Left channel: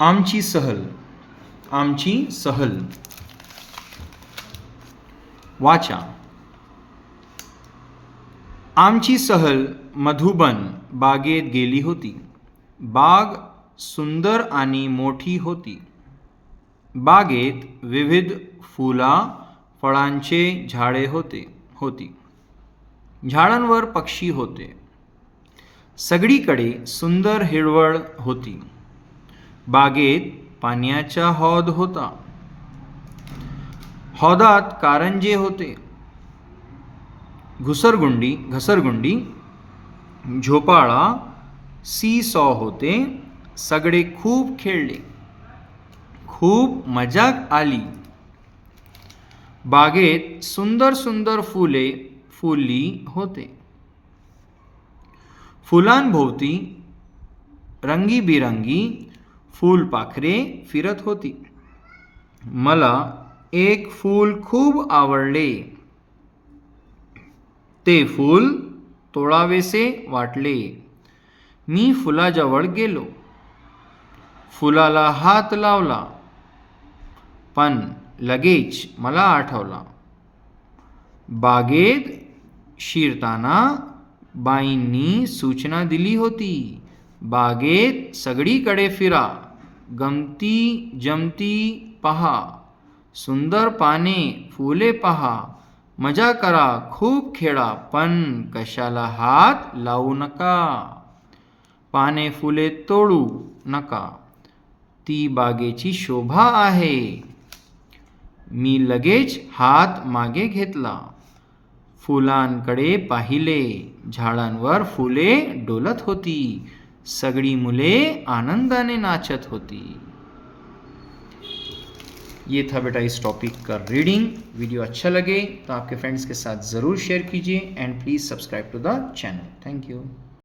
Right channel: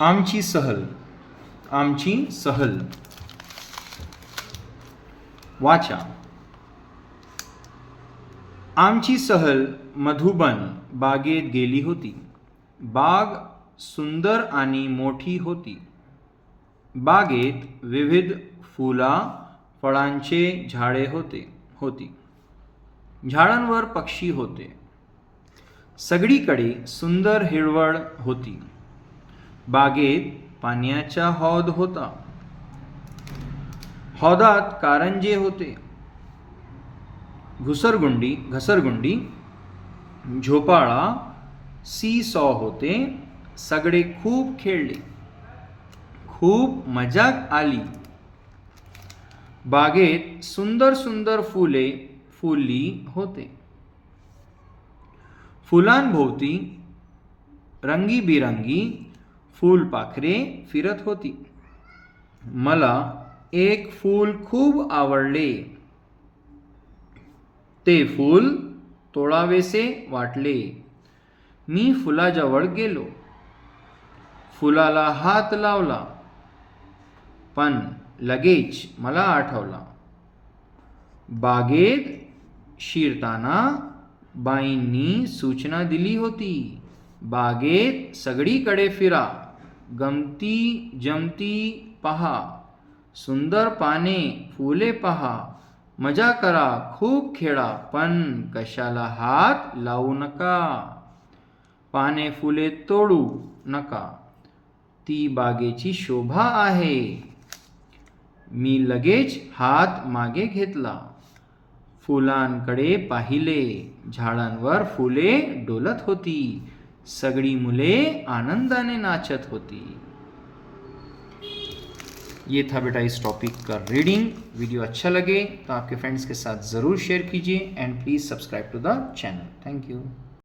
आमची सहल. आमची सहल. वाचा. आमची सहल मधुबन बागेत गेली होती. बाग सुंदर आणि मोठी होती. बागेत विविध फळांचे झाडे होती. झाडांवर पक्षी होते. सगळीकडे सुंदर हिरवळ होती. बागेत पाण्याचा हौद होता. हौदात कारंजे होते. घसरगुंडी, झोपाळा, सी-सॉ होते. सगळे खूप खेळले. खूप मजा आली. बागेत सुंदर सुंदर फुले फुलली होते. फुलांभोवती रंगीबिरंगी फुलपाखरे फिरत होती. मला एक फूल खूप आवडले. ते फूल तोडावेसे वाटले. मी फुलाजवळ गेलो. फुलाला हात लावला. पण लगेच मला आठवला. बागेत शिरताना बाईंनी सूचना दिली होती. बागेत सगळीकडे फिरा. गमती जमती पहा. सुंदर पाने फुले पहा. मजा करा. खूप खेळा. पण कशाला हात लावू नका. पाने फुले तोडू नका. ती बागेची शोभा आहे. मी लगेच हात मागे घेतला. फुलांकडे पाहिले. झाडांवर फुले डोलत होती. सगळी मुले आनंदाने नाचत होती. ये था बेटा इस टॉपिक का रीडिंग. वीडियो अच्छा लगे तो आपके फ्रेंड्स के साथ ज़रूर शेयर कीजिए and please subscribe to the channel. Thank you.